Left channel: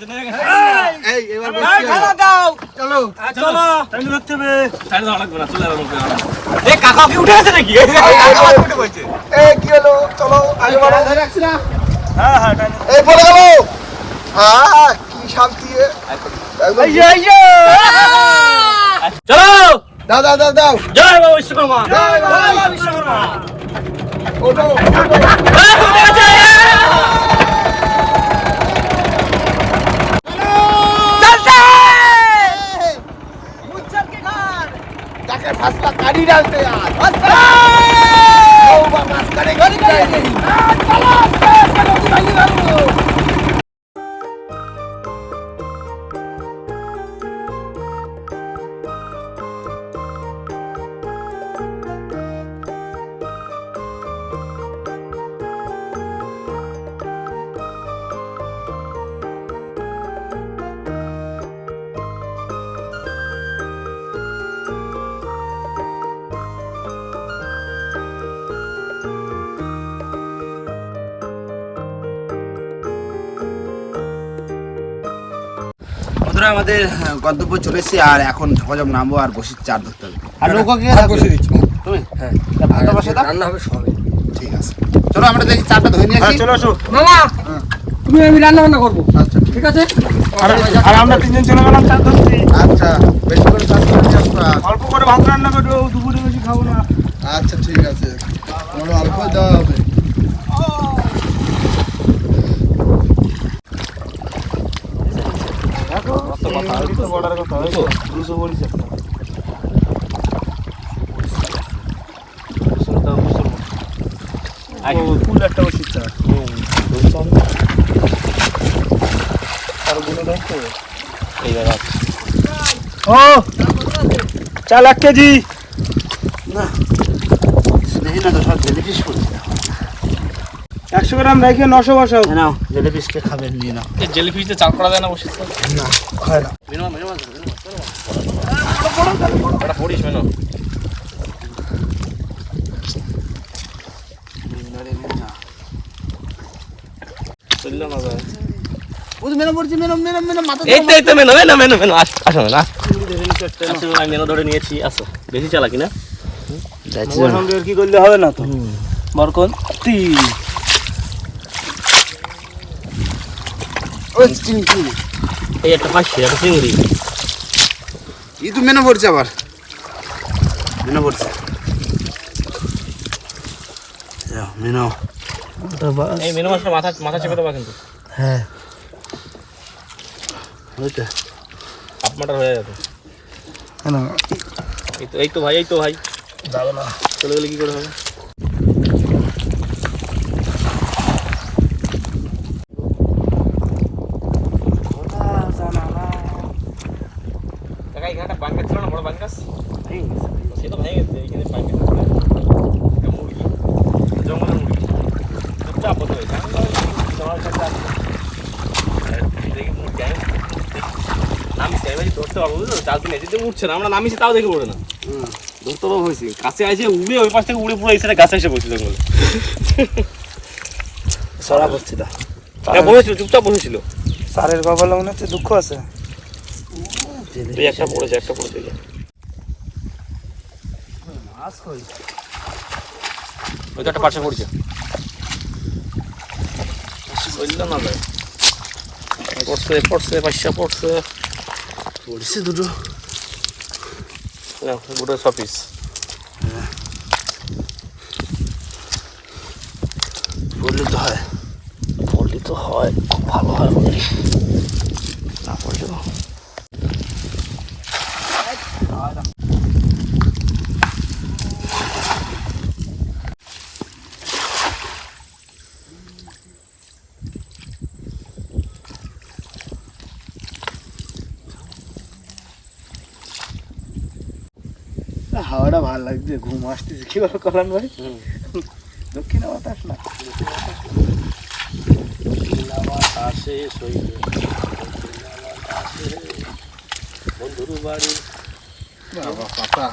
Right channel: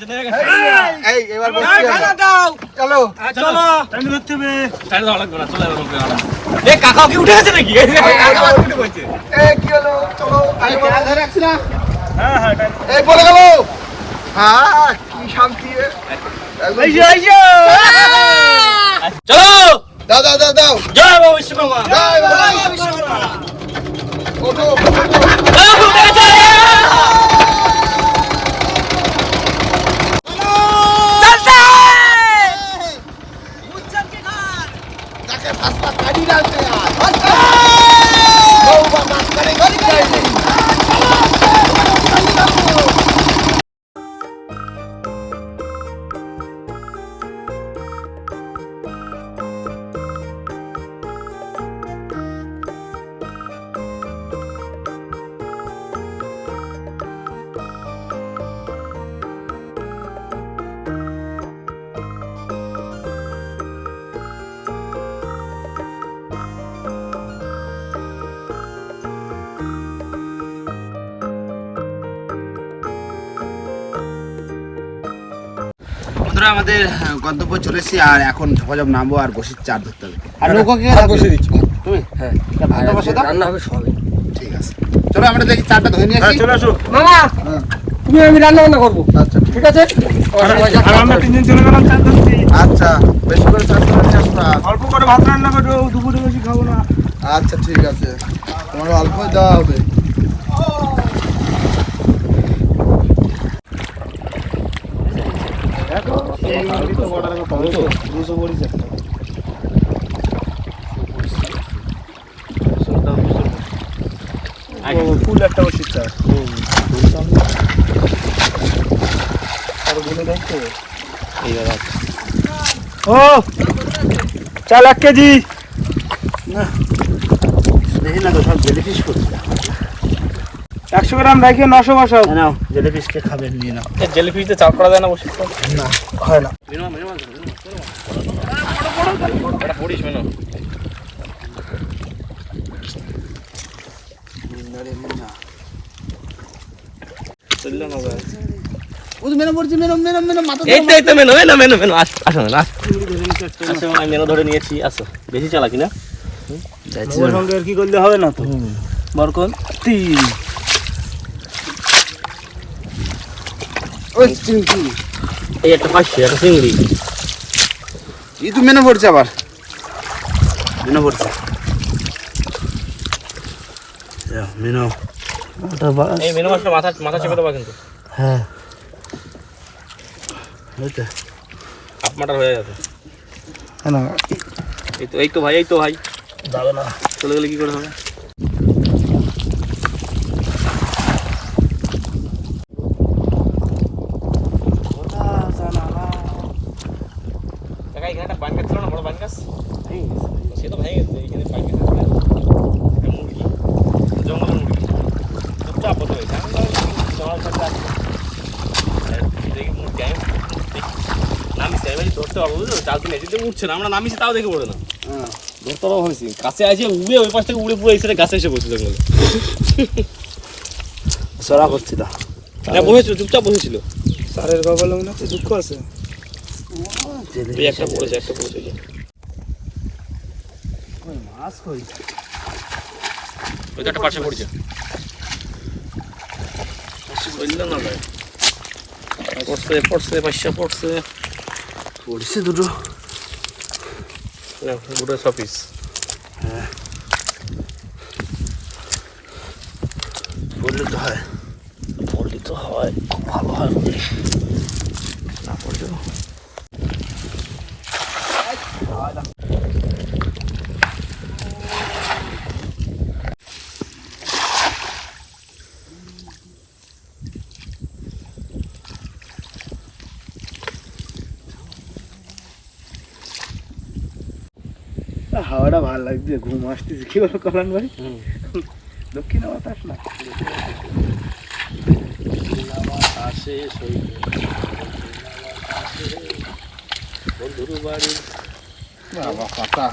এই এবার দাও। চলো। চলো। টাইম ধরতে হবে। টাইম ধরা লাগবে না চলে যাবে এ কাকা কি উঠে গেছে নাকি? এই কি হলো? চলো আগে ধরে রাখছি না। হ্যাঁ হ্যাঁ টাইম এই পড়ে গেল। হ্যাঁ কি শান্তি এই যে এই যে। চলো। দাও দাও দাও দাও। জয় বাবা বিশ্বকর্মা। জয় বাবা। বিশ্বকর্মা। ওঠো আমাদের গন্তব্য চলে এসেছি আর এখন ঝপাঝপ নামবো আর বসে চার ধরতে হবে। আর হ্যাঁ, নৌকা কে ভাত থাকবে? বসে দিচ্ছি তুমি? হ্যাঁ। ভাত বসে দাও। রান্না হবে সবই ঠিক আছে। চলো আমরা দেখি চারটা ধরে নিয়ে আসি। চলে আসো। মামা হ্যাঁ। তুমি আমি রান্না বান্না করব। আচ্ছা ঠিক আছে? আর আমরা তিনজন চলে গেলাম চার ধরতে আচ্ছা বেশ করে। অল্প করে ভাত রান্না করো দুপুরে বেশি খাব না। আচ্ছা ঠিক আছে। আমার অল্প দেওয়া হবে। ফুল একটা বসিস ও! চাল এক কেজি। দেখি না তো সব জেলিফিশ করছে একশো গ্রাম ব্যাগে নশো বসাও। নাও জেলিফিশ কে খাবে নিয়ে নাও। জেলিফিশ দিয়ে চাল করা যায় না বসে না হয় না পড়িস মেনো ও তো মেনো পড়ছে মেনো মেনো মেনো মাথা এই তো এই তো মেনো মেনো মেনো মেনো আস আসো না আসো আমি মেনো ধরে নিয়েছি আসো। বেশি চালাকি না? তোমার সঙ্গে আর কি করলে হবে না তো? বরকন তিন এই একটা একটা চিংড়ি। ই তো মেনো পড়ছে আবার। মেনো পড়ছে মেনো এই মেনু মাছটা মাথা মাথা চেপে দেবা কিন্তু। হ্যাঁ। এই তো। হাফ মাটার হয়ে যাবে না। এই তো এই তো ভাই এই তো ভাই। যাবে না। চলে গেলে কি করে হবে কাকা এখানে একটা বান গাছ ছিল না বড় বান গাছ সে তো ভেঙে গেছে এখানে বান গাছ ছিল একটা মুরগি জঙ্গলের মুরগি চুপচাপ বসে রয়েছে আমি ভাবলাম জঙ্গলের কাছে আসবে দেখি মুরগি আমি নামিছি আমি ভাবছি ধরতে পারব বুঝলো চাল দিন এদিকে উঠছে না আমরা নামিছি তাও দেখি উঠে না। ধরতে পারব হয়েছি। কাছে আছে উড়ে ওই পাশ থেকে উড়ে পুরো এই গাছে এসে বসে জঙ্গলে সরা হ্যাঁ বসেছিল চুপচাপ বসেছিল। সারের কপালে মনে হচ্ছে দুঃখ আছে। এই একটা পড়েছে একটা পড়েছে। ওই একটা পাশে পড়ছে। পড়ছে পড়ছে পাশে পড়ছে। পড়ছে দুটো গোটা হ্যাঁ পড়লে তো হয়। পড়লে তো হয় খুব ভালো হয়। না লাগছে ঘুম আসতেছে কি বলো কল্যাণ ভাই দক্ষিণ বাতাস না। আসে বন্ধুর বাড়ি বাবা পাতা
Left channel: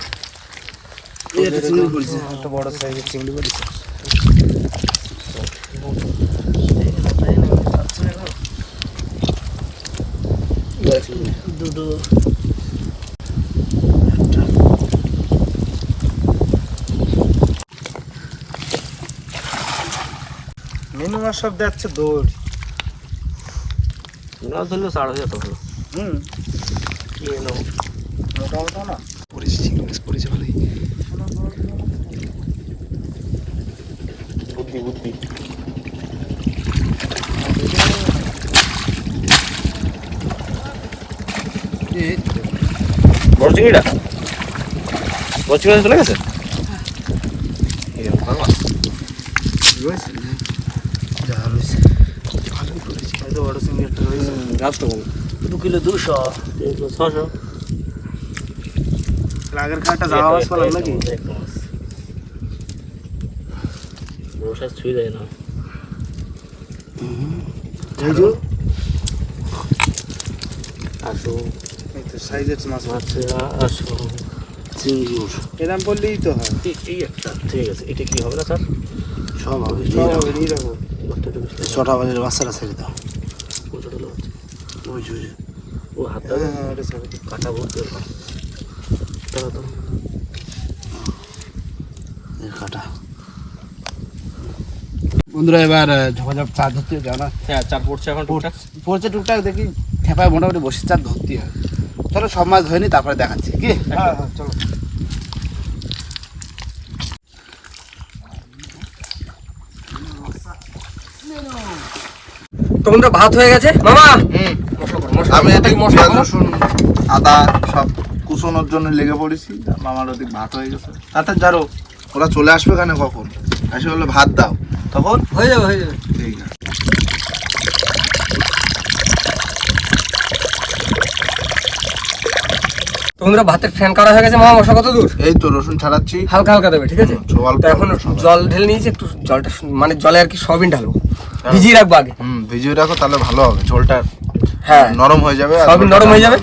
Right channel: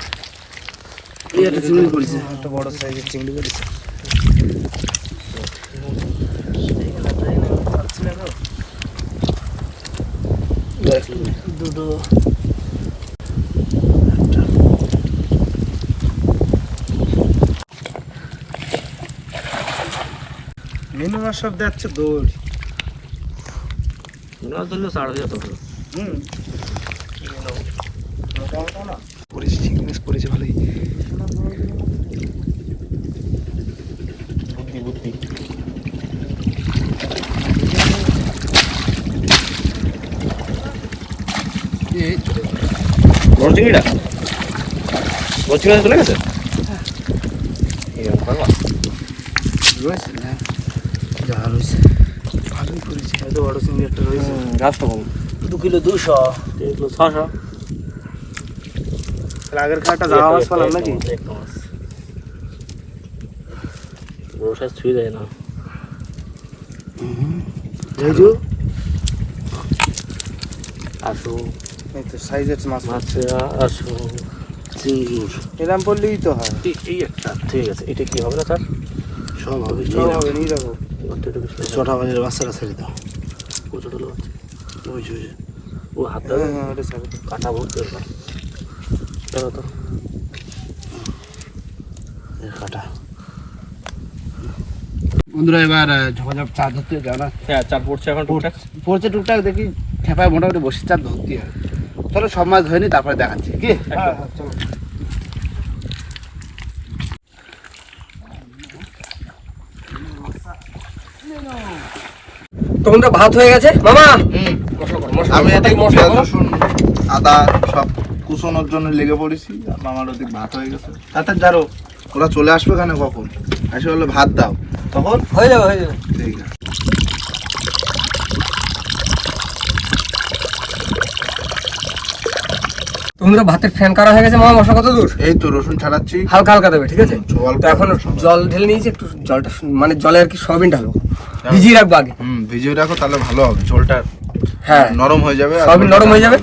বড় সাইজের চিংড়ি পড়েছে দুটো মিনু মাছ সব যাচ্ছে দৌড় মাছ ধরলে ছাড় হয়ে যেত হুম কি মানে মোটা মোটা না পড়েছে চিংড়ি মাছ পড়েছে ভালোই। বুদ্ধি বুদ্ধি। চলে গেছে? মাছ। রয়েছে না যা রয়েছে ভালোই বড় চিংড়ি একটা রয়েছে। বলো দু কিলো দুশো। তিন কিলো ছশো আগের খাটা জামা মাছ পালাম নাকি? বড় ছুঁয়ে যায় না। ঝাইজু আসো। এই তো সাইজের মাছ আচ্ছা আসো। চিংড়ি এরম পড়লেই তো হয়। এই- একটা। ঠিক আছে এটা কি হবে না স্যার? সব হবে সব হবে নিয়ে হবে। ছটা বাজারে বাচ্চারা ছেড়ে দাও। ও লোক। ওই যে, ও হাতটা হ্যাঁ হ্যাঁ। কাটা ভর্তি তো কাটা। বন্ধুরা এবার ঝপাঝপ চা ধরতে যাও না। হ্যাঁ চার পড়ছে এখন টুকটাক। পড়ছে টুকটাক দেখি খেপায় মোটামুটি বসে চার ধরতে হয়। চলো সব মাছ ধরে নি তারপরে দেখাচ্ছি কি? হ্যাঁ হ্যাঁ চলো। তোমরা ভাত হয়ে গেছে? মামা! আমি এটা মশলা রসুন আদা সব কুচোনোর জন্য লেগে পড়েছি মামার ওদিক ভাত হয়ে গেছে। তাতে যারো ওরা চলে আসবে কেন কখন? আসে বললে ভাত দাও। তখন? হয়ে যাবে হয়ে যাবে। ঠিক আছে। তোমরা ভাতের ফ্যান করা হয়ে গেছে মামা? মশলা কত দূর? এই তো রসুন ছাড়াচ্ছি। হালকা হালকা দেবে ঠিক আছে? এখন জল ঢেলে নিয়েছি একটু জলটা মানে জলে আর কি সয়াবিন ঢালবো। ভিজিয়ে রাখব আগে। হুম ভিজিয়ে রাখো তাহলে ভালো হবে ঝোলটা হ্যাঁ। নরম হয়ে যাবে সয়াবিন নরম হয়ে যাবে।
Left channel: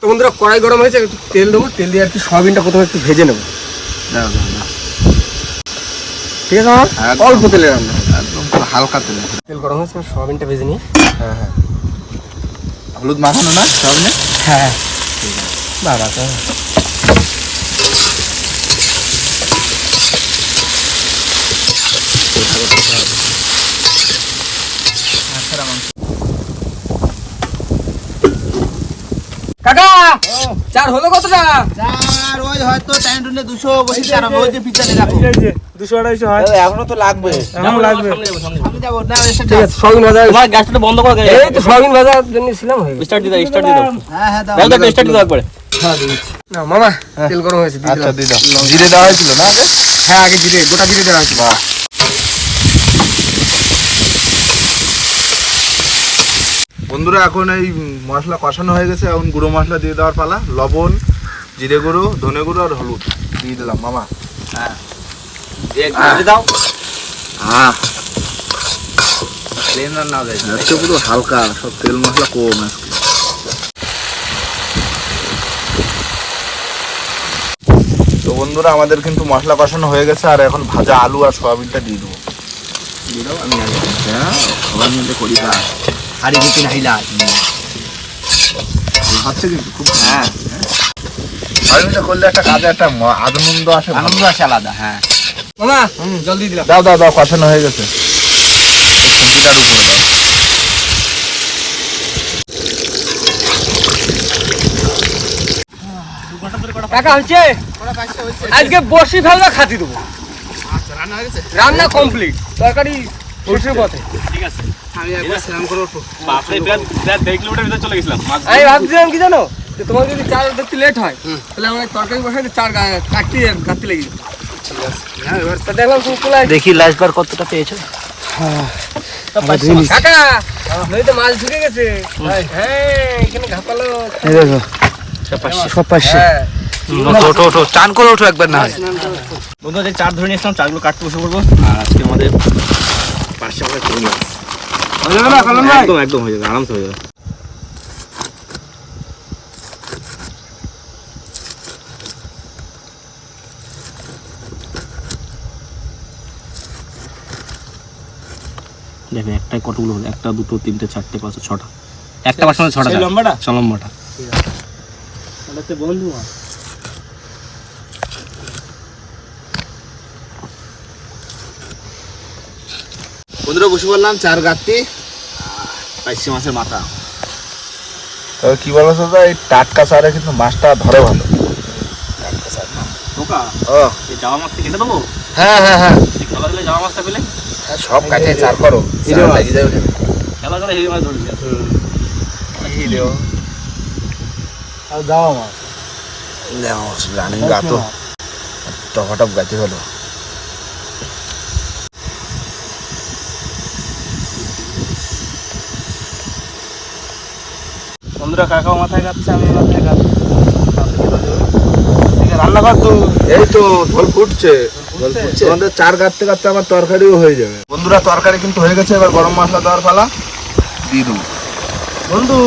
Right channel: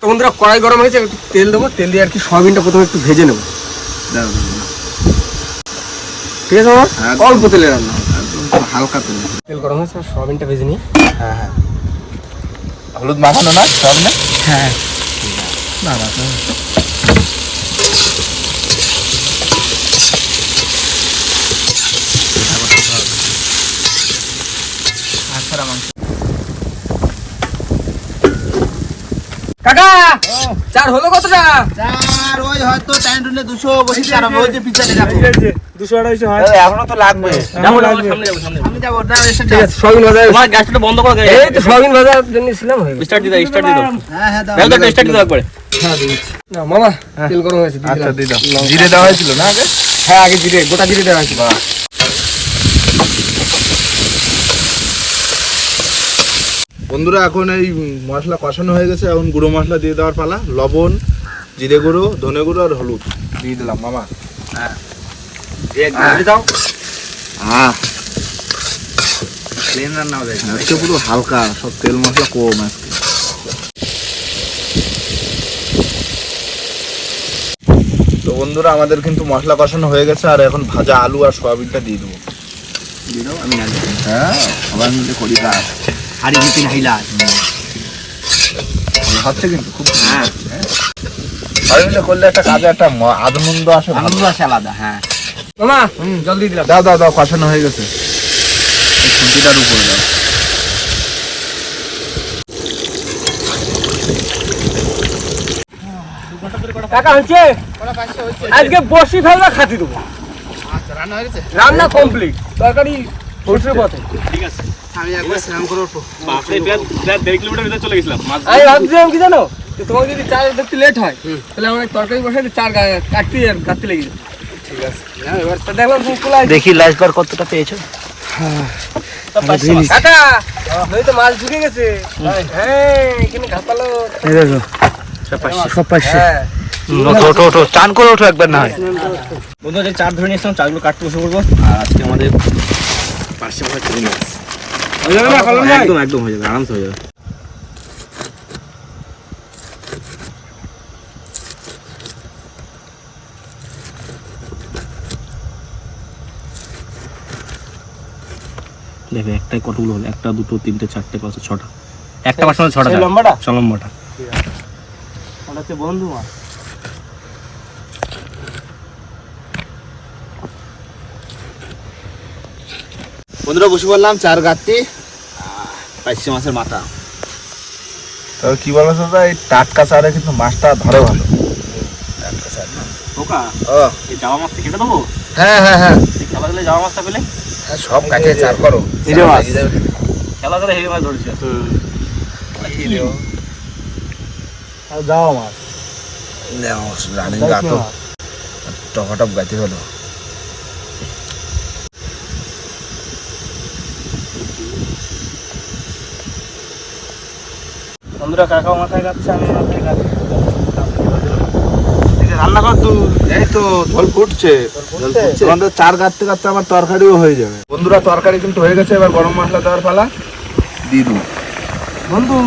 তো বন্ধুরা কড়াই গরম হয়েছে একটু তেল দেবো তেল দিয়ে আর কি সয়াবিনটা প্রথমে একটু ভেজে নেব। ঠিক আছে আমার হ্যাঁ। অল্প তেলে রান্না। হালকা তুমি তেল গরম হয়েছে সয়াবিনটা ভেজে নিই। হ্যাঁ হ্যাঁ। হলুদ মাখানো না? সব না হ্যাঁ বাবা তো কাকা চার হলো কতটা? চার ওই হয়তো টাইম টুনে দুশো বসে আর ওই যে পিছনে দুশো আড়াইশো হয়। এখনও তো লাগবে। এমন লাগবে। আমি যাব। না ঠিক আছে সয়াবিন ভাজা তোমার গ্যাসটা বন্ধ করো এই তো জন্য ছিলাম হয়ে স্টার্ট স্টার্ট দিয়ে দাও হ্যাঁ হ্যাঁ দাও। দাও স্টার্ট না মামা তেল গরম হয়েছে আচ্ছা দিলাম। দিয়ে দাও। জিরে দেওয়া হয়েছিল না হ্যাঁ আগে জিরে গোটা জিরে দেওয়া হয়েছিল। বন্ধুরা এখন এই মশলা কষানো হয়ে গেছে। এখন গুঁড়ো মশলা দিয়ে দেওয়ার পালা। লবণ জিরে গুঁড়ো ধনে গুঁড়ো আর হলুদ দিয়ে দিলাম মামা। দাও। আহ আজকে পুরো হালকা সব তেল মশলা কম আজকে। তো বন্ধুরা আমাদের কিন্তু মশলা কষানো হয়ে গেছে আর এখন ভাজা আলু আর সয়াবিনটা দিয়ে দেবো। দিয়ে দাও আমি হ্যাঁ সবাই মিলে করি। কাজ হাড়ি ভিতরে হাইলা হচ্ছে কিন্তু খুব হ্যাঁ। সবাই করলে একটা কাজে একটা আনন্দ আসে আনন্দ আসে আলাদা হ্যাঁ। মামা জল দিলাম। দাও দাও দাও কষানো হয়ে গেছে। সবজিটা দিয়ে দাও কাকা হচ্ছে আজকে বসি ফেলবা খাতি দেবো। রান্না কমপ্লিট। তরকারি পথে। আমি একবার স্নান করে উঠবো বাপরে প্রায় দেড় কিলোমিটার ভিতরে চলে গেছিলাম। আমি ভাবছিলাম কি জানো? যে তোমার যদি চার দেখতে লেট হয় তাহলে আমার তরকারি বসাই চার কাটতে গাঁটতে লেগে যাবে ঠিক আছে। দেখলাম আসবে। দেখি লাস্টবার কতটা পেয়েছ? কাকা নদীতে মাছ ঢুকে গেছে। হ্যাঁ এখানে ঘাপালো এই দেখো। সব পাশে হ্যাঁ। ওঠো ওঠো ওঠো চান করে ওঠো একবার না হয়। বন্ধু যে চার ধরে নিয়ে এসলাম চারগুলো কাটতে বসে পড়ব। আর আজকে আমাদের পার্শ্বে আমরা চিংড়ি মাছ একদম একদম হয়ে যাবে আরামসে হয়ে যাবে দেখো একটাই কতগুলো হলো? একটা দুটো তিনটে চারটে পাঁচটা ছটা। একটা মাছ মানে ছটা লম্বাটা? ছ লম্বাটা। হচ্ছে বন্ধু বন্ধুরা বসে বললাম চার গাঁতি পাইছি মাছের মাথা। তবে কি বলতো দাদা এই টাটকা চারে কিন্তু মাছটা ধরে ভালো। ও। এই জামা মাছটা কেটে দেবো? হ্যাঁ হ্যাঁ হ্যাঁ। খেলা দিলে জামা মাছটা পেলে? সব কাটে চার করো। হিরে মাছ। খেলা দিলে হেভি মাছ ধরেছে। আর জামা মাছ? রানিং গাতো টপাটপ গাতি হলো। বন্ধুরা কাকাও মাথায় কাটছে আমি মাথায় কাটছি রান্না কর তুই এই তো ঝোল ফুটছে। তোমাদের চার কাটতে কাটতে আমার তরকারিও হয়ে যাবে। বন্ধুরা তরকারি কিন্তু হয়ে গেছে এবার গরম মশলা দেওয়ার পালা। দিয়ে দেবো। বন্ধু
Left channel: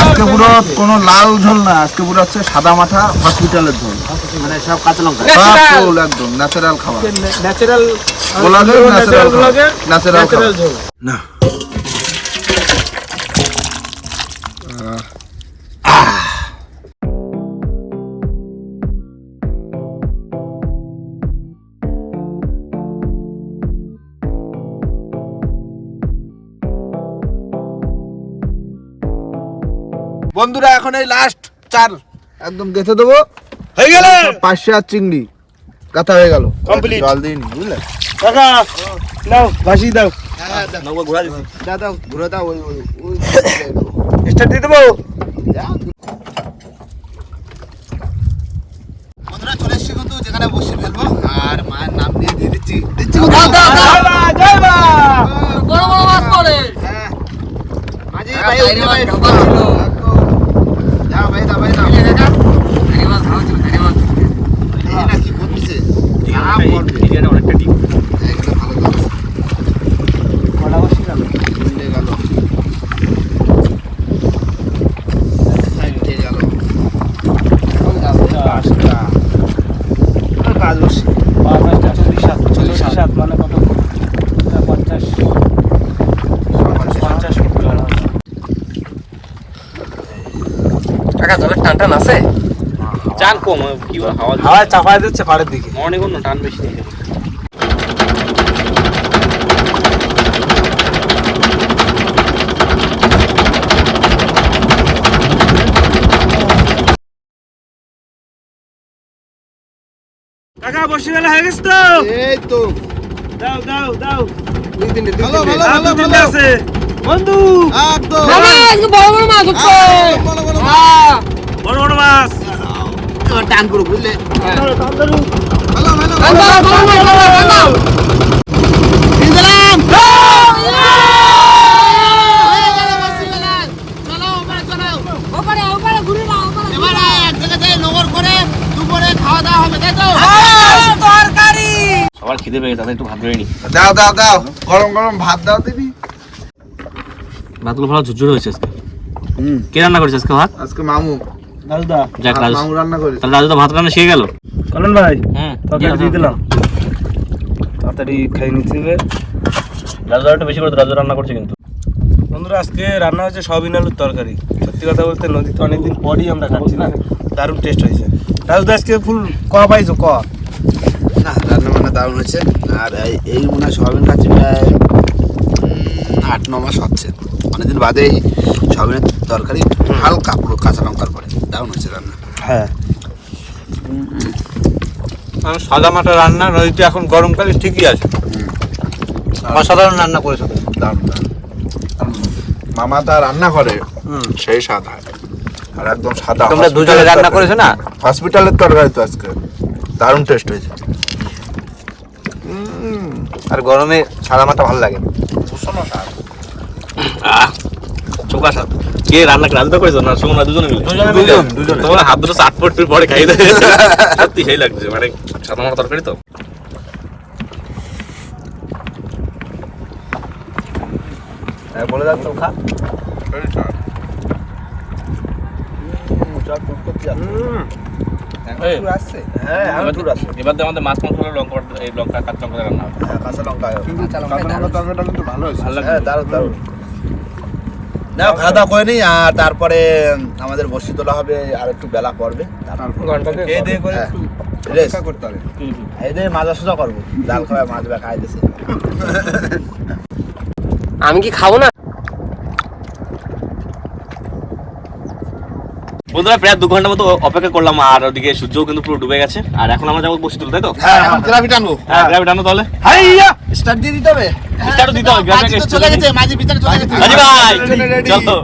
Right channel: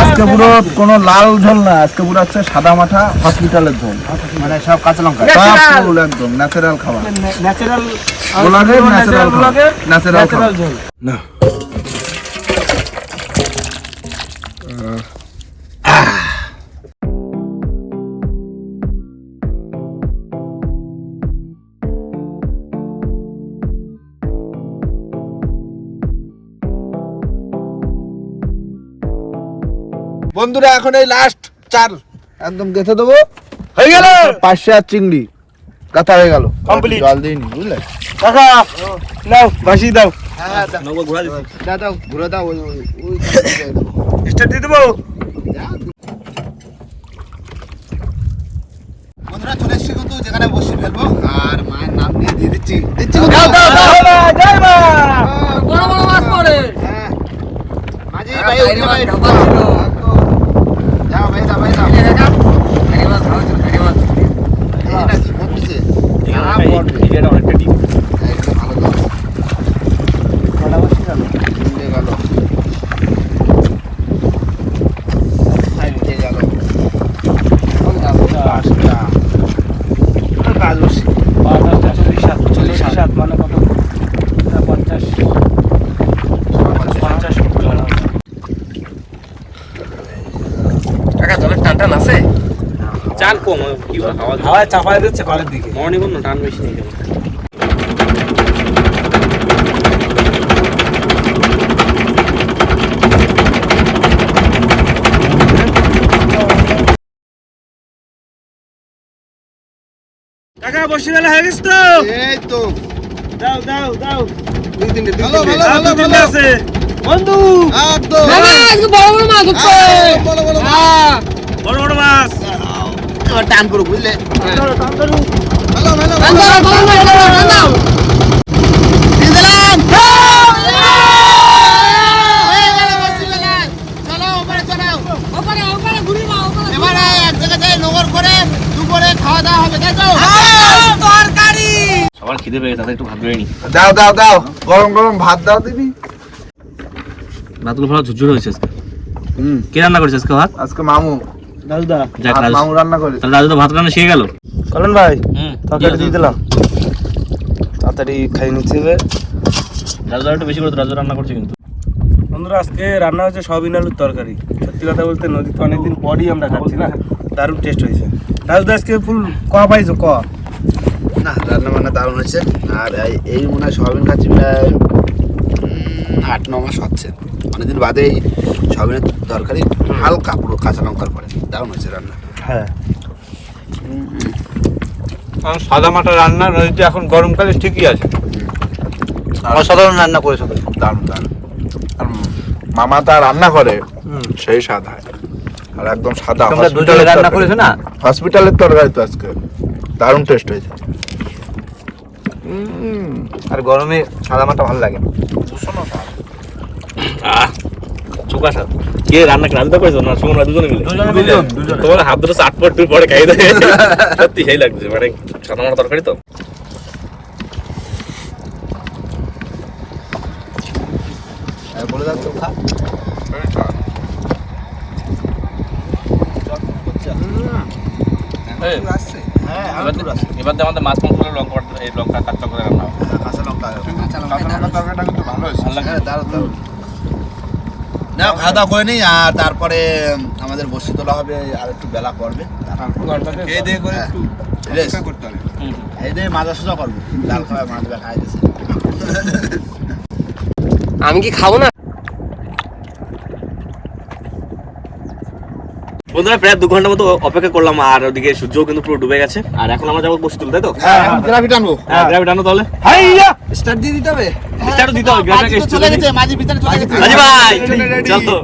আজকে পুরো কোনো লাল ঝোল না আজকে পুরো হচ্ছে সাদা মাথা হসপিটালের ঝোল। মানে সব কাঁচা লঙ্কা? সব ফুল একদম ন্যাচারাল খাবার। ন্যাচারাল ন্যাচারাল ন্যাচারাল ন্যাচারাল ঝোল। না। বন্ধুরা এখন এই লাস্ট চার একদম গেঁথে দেবো হয়ে গেল পাঁচশো আর চিংড়ি কথা হয়ে গেল. জল দিইনি বুঝলে বাসি দাও নৌকো দাও দাও ঘুরে দাও ওই ওই দিয়ে দেবো বন্ধুরা চলে এসছি কিন্তু যেখানে বসে ফেলব। আর মায়ের নাম দিয়ে দিয়ে দিচ্ছি। দিচ্ছি মাঝি ভাই উঠে ভাই যাও ভাই দাও ভাই দাও এই না কি বলতিছে সারা পড়বে এরিয়াটা অনেকটা ডিপ একদম ভালো দাও উঠে গেল সাইডে গেল পাঁচটা কাজ বসে চল্লিশ সাত চল্লিশ সাত মানে কত পঞ্চাশ পঞ্চাশ কাকা তোমার টান টান আছে চান কম কি হাওয়া চাপায় দিচ্ছে ঘরের দিকে। মর্নিং টান বেশি কাকা বসে বেলা হয়ে গেছে তো? এই তো। দাও দাও দাও। দুই ভালো। ভালো, আছে। বন্ধু। বড় বড় মাছ উঠছে। বলো, বলো, বলো। বড় বড় মাছ। এবার টান করো বুঝলে সবার খিদে পেয়ে তাদের একটু ভাত বেড়ে নি। দাও দাও দাও। গরম গরম ভাত দাও দিবি ভাতগুলো ভালো ঝুরঝুর হয়েছে আজকে। হুম। কে রান্না করেছে আজকে ভাত? আজকে মামু। দাদা যাক লাল মামু রান্না তাহলে ভাত রান্না শিখে গেল? কলন ভাই হুম। তরকারি দিয়ে দিলাম। তাড়াতাড়ি খাই নিচ্ছি একটু বেশি করে রান্না করছে কিন্তু। বন্ধুরা আজকে রান্না হচ্ছে সবিন আলুর তরকারি। সত্যি কথা বলতে নদীতে অনেকদিন পরই আমরা খাচ্ছি না দারুণ টেস্ট হয়েছে। রাজু আজকে ফুল ক পাইছো ক? না রান্না বান্না দারুণ হয়েছে। আর এই- এই মনে হয় সয়াবিন খাচ্ছি প্রায় আট ন মাস হচ্ছে। অনেকদিন বাদে এই সয়াবিনের তরকারি হালকা পুরো কাঁচা লঙ্কার পরে। দারুণ হয়েছে রান্না। হ্যাঁ। সাদা মাটা রান্না নদীতে এখন গরমকালে ঠিকই আছে। অসাধারণ রান্না করেছ। দারুণ, মামা তা রান্না করে সেই স্বাদ হয়। আর একদম সাদা। হসপিটালের রান্না। করেছ না? হসপিটালের তরকারি তো আজকে। দারুণ টেস্ট হয়েছে। আর গরমে সাদা মাটা ভালো লাগে। চোখা সাথ কে রান্না রাজুটা করেছ না সুমন দুজনে মিলে। তোমার হাত দুটো চাট পড়তে পরে খাই দেয়। সত্যি সেই লাগছে মানে সাদা মাটা তরকারি তো। হ্যাঁ, বলে দাও চোখা হ্যাঁ এবার হাঙ্গর আছে এবার তো আমাদের মাছ মাংস লঙ্কা এই লঙ্কা কাঁচা করে রান্না হ্যাঁ, কাঁচা লঙ্কা কাঁচা লঙ্কার তরকারিটা কিন্তু ভালো হয়েছে? হ্যাঁ দারুণ দারুণ। না খাওয়া দাওয়া করে নিই আর তারপরে আমাদের বসি তোলা হবে আর একটু বেলা পড়বে হ্যাঁ। মাজা সোজা করব। ডাল খাওয়া মাছ বা খাই দিছে আমি কি খাব না? বন্ধুরা প্রায় দু ঘণ্টা মতো অপেক্ষা করলাম আর ওদিকে সূর্য কিন্তু পুরো ডুবে গেছে। আর এখন আমরা যাব বসে তুলতে তাই তো? হ্যাঁ গ্রাফি টানবো হ্যাঁ ড্রাইভ টানো তাহলে। স্টার্ট দিয়ে দিতে হবে। Start দিতে হবে, মাঝি তো চলে গেছে মাঝি ভিতরে চলে গেছে। রাজি ভাই Ready, ready. চলো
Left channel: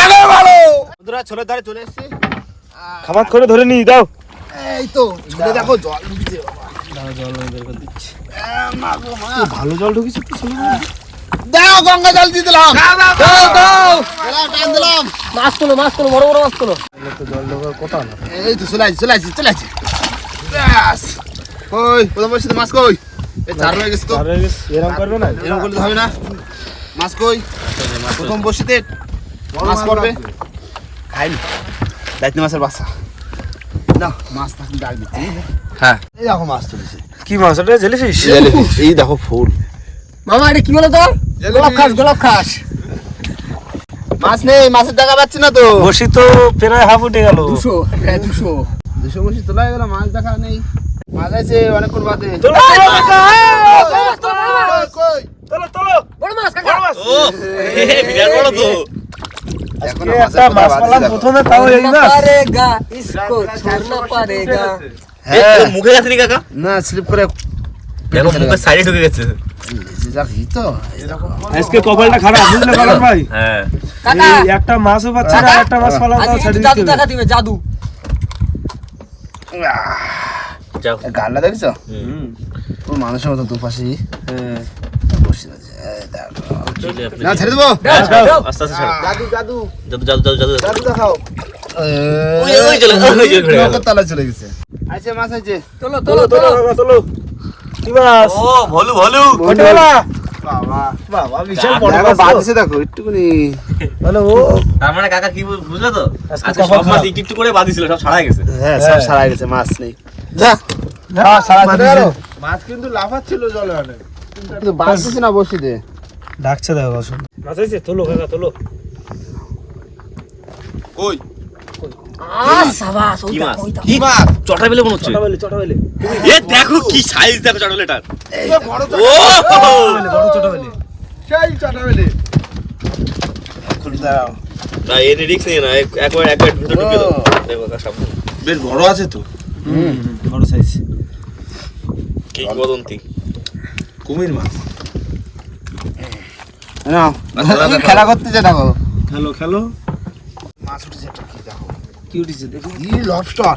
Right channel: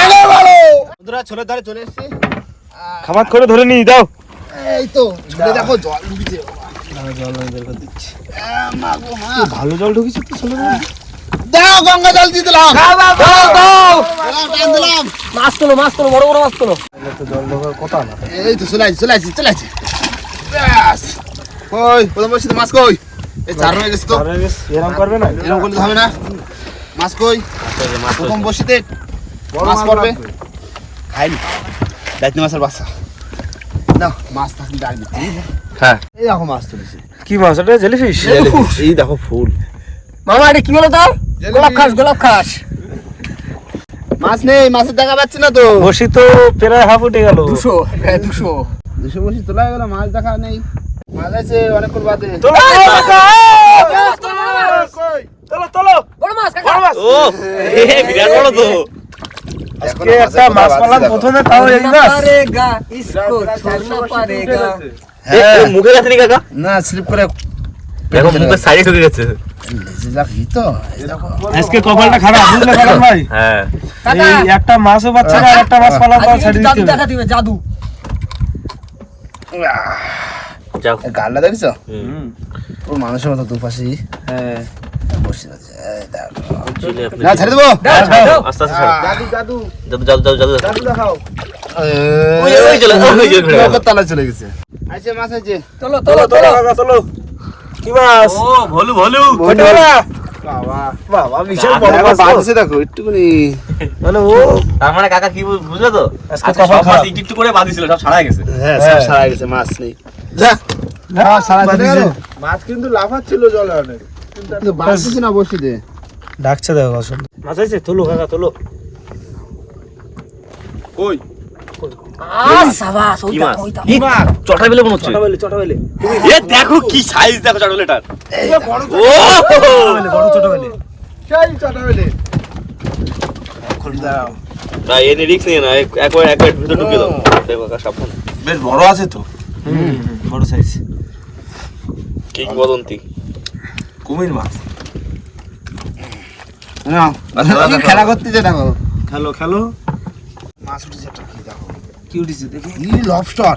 আরে ভালো! বন্ধুরা ছোলের ধারে চলে এসেছি। খামাত করে ধরে নিই দাও এই তো ছোলে দেখো জল ঢুকছে জল বের করে দিচ্ছি। মা গো মা। ভালো জল ঢুকেছে তো ছোলে দাও গঙ্গা জল দিয়ে দিলাম। দিলাম, টান দিলাম। মাছ তোলো মাছ তোলো বড় বড় মাছ তোলো। জল ঢোকার কথা না এই তো চলে আসছি চলে আসছি চলে আসছি ব্যাস। কই প্রথম বসে মাছ কই? এই চার হয়ে গেছে তো। এরকম করবে না। এরকম করলে হবে না। মাছ কই? প্রথম বসিতে মাছ পড়বে। খাইনি। দায়িত্ব মাছের বাচ্চা। না মাছ থাকলে ডাক দিচ্ছি হ্যাঁ। এই দেখো মাছ তুলেছে। কি মাছ? ওটা জেলিফিশ এই দেখো ফুল। মামা কি বলো তো? গোলাপ খাস গোলাপ খাস। মাছ নেই মাছের দেখা পাচ্ছি না তো। বসি তো প্রায় হাফ উঠে গেল। দুশো হ্যাঁ, দুশো। দুশো বসি তোলা গেল মাছ দেখা নেই। মুখে গেছে না স্লিপ করে ঢুকে গেছে। লেজে যাক ই তো এই দেখো আজকে কপালটা খারাপ বুঝলে কারণ ভাই হ্যাঁ একটা মাছও পাচ্ছে না একটা মাছ পালা আজকে পাওয়া ছেড়ে জাদু দেখা দিবে জাদু গালটা দেখছ পুরো মানুষের মতো হ্যাঁ বসে আছে চলে আপনি না ছেড়ে দেবো দাও দাও আস্তে আস্তে ছাড়ো। জাদু জাদু জাদু জাদু জাদু জাদু জাদু দেখাও ওই, ওই চলে, চলে। নৌকার চলে গেছে মাছ আছে চলো কি মাছ ও ভলু ভলু বাবা বাবা বিশাল বড় মাছ দেখো একটুকুনি মানে ও। তার মানে কাকা কি বল- বুঝলে তো? আজকে একটু একটু করে বাঁধিছিল সব ছাড়া গেছে। হ্যাঁ সব হ্যাঁ। গেছে মাছ নেই। যা। মাছ কিন্তু লাফাচ্ছিল জলে অনেক। কিন্তু বাঁধছে না বসি দে ডাকছে দেখো আসুন মাছ আছে তোলো কাকা তোলো। ওই আ সাবাস কি ওইটা ওইটা। কি মাছ? চটা বেলে মনে হচ্ছে। চটা বেলে চটা বেলে এ দেখো কি সাইজ দেখো বড় ও! বেলে বড় চটা বেলে সেই চাটা বেলে না এনে রিক্স নিয়ে না এক- একবার একবার ভিতরে ঢুকে দাও। দেখো সাবধানে। বেশ বড় আছে তো। হুম। বড় সাইজ কি বদন্তি? কুমির মাছ। খেলা করতেছে দেখো। খেলো খেলো। মাছ উঠেছে কি দেখো। কি উঠেছে দেখি। লবস্টার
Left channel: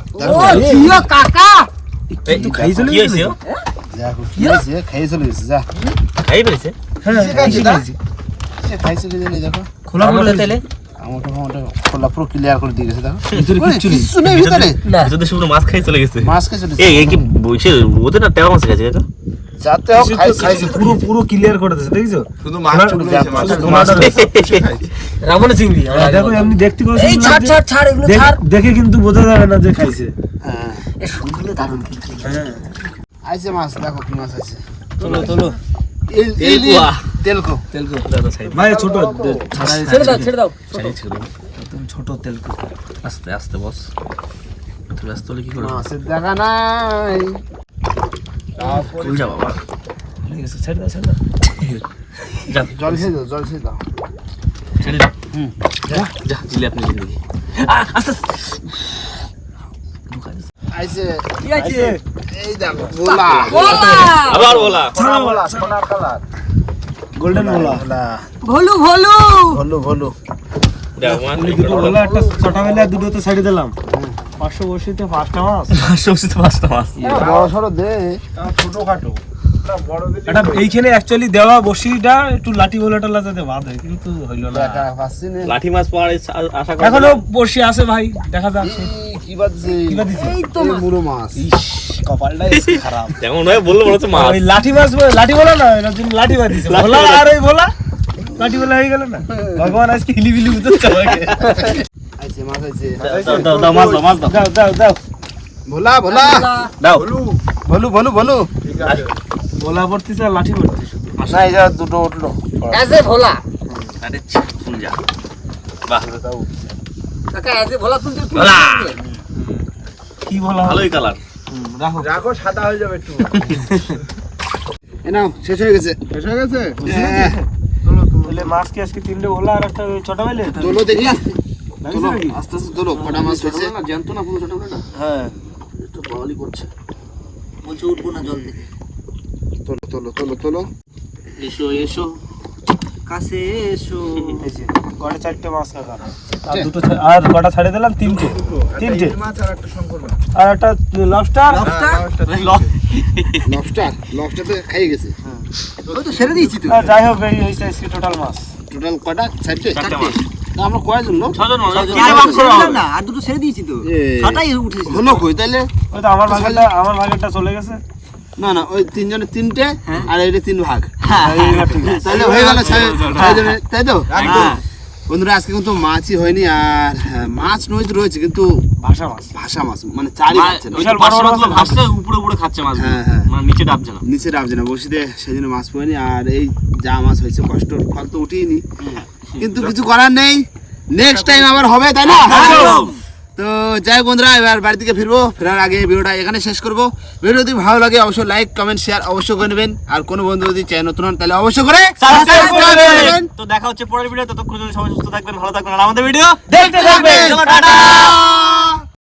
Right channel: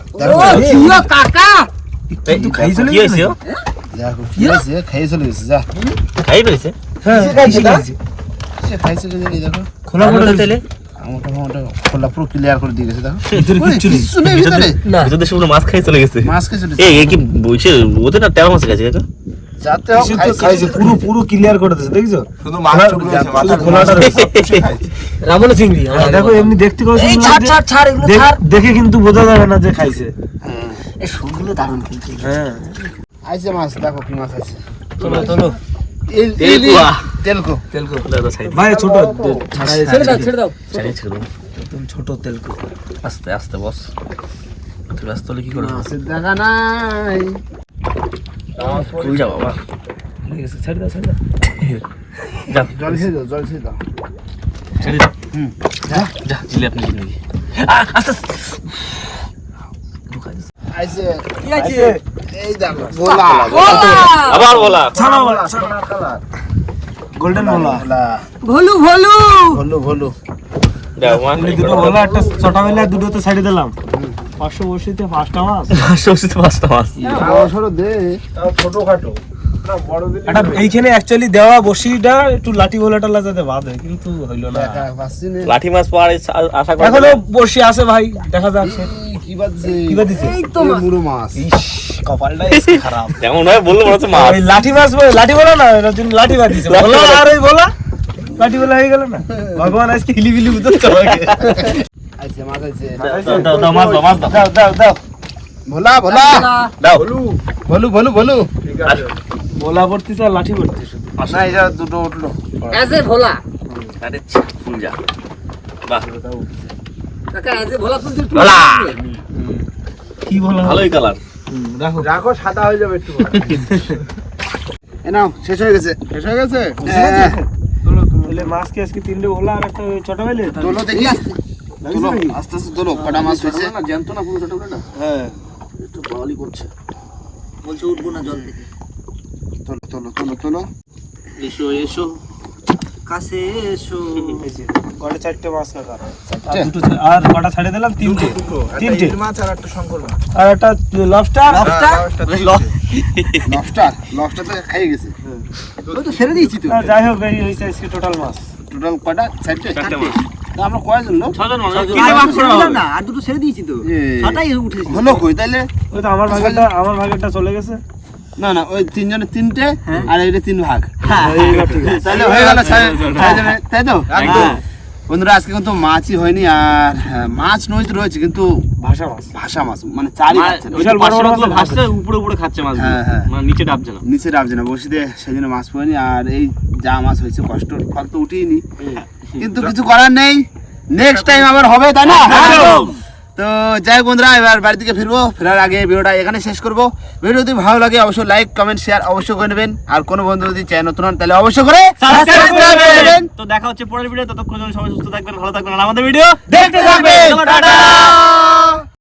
কাকা! কিন্তু খাই চলে কি হয়েছে দেখো কি হয়েছে খেয়ে চলে গেছে যা। খাই পেরেছে হ্যাঁ খাইছি খাইছি সে খাই চলে গেলে দেখো। খোলা মোটা তেলে? আমাকে মোটা খোলা পুরো ক্লিয়ার করে দিয়ে গেছে দেখো। ভিতরে কিচ্ছু নেই ভিতরে না। ভিতর শুকনো মাছ খাই চলে গেছে। মাছ খেয়ে চলে এই কি বলছে ওদের না তেরো মাছ গেছে কাকা যাতে হোক খাইছে। পুরো পুরো ক্লিয়ার করে দিয়েছে দেখছ? শুধু মাছ খোলা- ছুটে যাচ্ছে, শুধু খোলাটা রয়েছে। চিংড়ি দেখো এমনি দেখতে এই ছাড় ছাড় ছাড় এগুলো ছাড়। দেখে কিন্তু বোঝা যাবে না যে খাইছে। হ্যাঁ। এই শুগুলো দারুণ কিন্তু। হ্যাঁ। আইছে মাছ দেখো কি মাছ আছে। তোলো তোলো। ইল ইল তেলকুয়া। তেলকো। তেলকো। ভাই ছোট ছেড়ে দাও ছেড়ে দাও ছেড়ে দাও। একদম ছোট তেলকো। আস্তে আস্তে বস। তুই ব্যস্ত হলে কি করে দেখা নাই। তুই যা বাবা? ঠিক আছে ছেড়ে দাও ছেড়ে দাও। জল খেয়ে দাও জল খেয়ে দাও। ছেড়ে দে হুম। যা দিলে আপনি জিন্দগি আইছে। কি আছে এই দেখো গোলা আবার সোনার কালার। গোল্ডেন মোলা ভলু। ভলু। ভলু ভলু। মানে দুটো মোলা একটা ছটা বেলা দুটো তো সাইডে দিলাম। পাঁচশো বসিতে পাঁচটা মাছ। সবজিতে পাঁচটা মাছ। দে। দিলে একটা এইখানে অ্যাকচুয়ালি দেওয়া বসিটা একটু লাঠি বলাটা যাতে বাঁধে কিন্তু হইল না। লাঠি মাছ পাওয়ার আশা করা এখনও বসি আছে ভাই দেখা যাক। কি বাজছে কি বা দিছে? এই তো এই মাছ। মুড়ো মাছ। কপালটা খারাপ। যেমন হয় বলল মাছ। লাঠি মাছ লাঠি বলা না জন্য লাঠি বাঁধিছে বলা আর ওই বলা? লাঠি বলা হয়ে গেল না? ভগবান আজকে হিলি বিলি বুঝতে মাছ হয়েছে দাও দাও মাছ দাও দাও দাও। ভোলা ভোলা। ভলু। ভলু ভলু ভলু। ভোলা ভর্তি তো লাঠি ভর্তি শুধু। আশা যা দুটো উঠল। এসে ভোলা। আরে ফুল যা। বাহ। কাকা এসে ভোলা ফুল ভোলা। কি ভোলা? ভালোই কালার রাখো। রাখো সাদা হয়ে যাবে একটু এনাও শেষ হয়ে গেছে। শেষ হয়ে গেছে? হ্যাঁ। তাহলে মাছ কি আজকে তিনটে ভোলা আর একটা ছোট বেলে তোলো দেখি। আস্তে আস্তে তোলো কটা মাছ হয়েছে? না জানতো না পুরো ছোট বেলা হ্যাঁ। একটু বড়ালি করছে। বলছে উঠবো না জল থেকে। তোলো তোলো তোলো তোলো। এসো এসো। কাছে এসো। কটা চারটে মাছ রাখা আর দুটো আর কটা ছাড়ে দিলাম? তিনটে। তিনটে। মাছ আর একটা শঙ্কর মাছ। আর একটা লবস্টার লবস্টার লবস্টার তো খাইয়ে গেছে। ওই তো ছেড়ে দিয়েছি তো। যাই হোক এই হয়েছে আজকে টোটাল মাছ। টোটাল কটা? চারটে? চারটে মাছ। আমরা কয়জন লোক? ছজন দিলাম না আর দুটো ছেড়ে দিয়েছি তো। ছটাই উঠেছে। হলো কই তাইলে? আমার ভাগেরটা আমার ভাগেরটা চলে গেছে। না না ওই তিনজনের তিনটে আর এইটা তিন ভাগ। হ্যাঁ। তাইলে হয়ে গেল তাই তো? বন্ধুরা আজকে কিন্তু মাছই হয়নি আর হ্যাঁ, মাছ নদীতে রয়েছে কিন্তু ভাষা মাছ। ভাষা মাছ মানে চারি না। ভাসছে উপরে উপরে খাচ্ছে মাছ হ্যাঁ, হ্যাঁ। মানে নিচে ডাবছে না। নিচে রাখছে না বসিতে সেই জন্য মাছ পাইনি আর এই যা মাছ হয়েছে কষ্ট ফল তো উঠিনি। কিন্তু কিছু করার নেই। নেক্সট টাইম আবার হবে তাই না? তো যাই বন্ধুরা এবার বাড়ি থেকে ফিরবো ফেরার আগে ভিডিওটা এখানে শেষ করব। ভিডিও যদি ভালো লাগে অবশ্যই লাইক কমেন্ট শেয়ার অবশ্যই করে নেবেন। আর কোনো বন্ধু যদি চ্যানেল নতুন হন তাহলে অবশ্যই করে subscribe করে নেবেন। তো দেখা হচ্ছে পরের ভিডিও ততক্ষণ সবাই সুস্থ থাকবেন ভালো থাকবেন। আর আমাদের ভিডিও দেখতে থাকবেন। টাটা।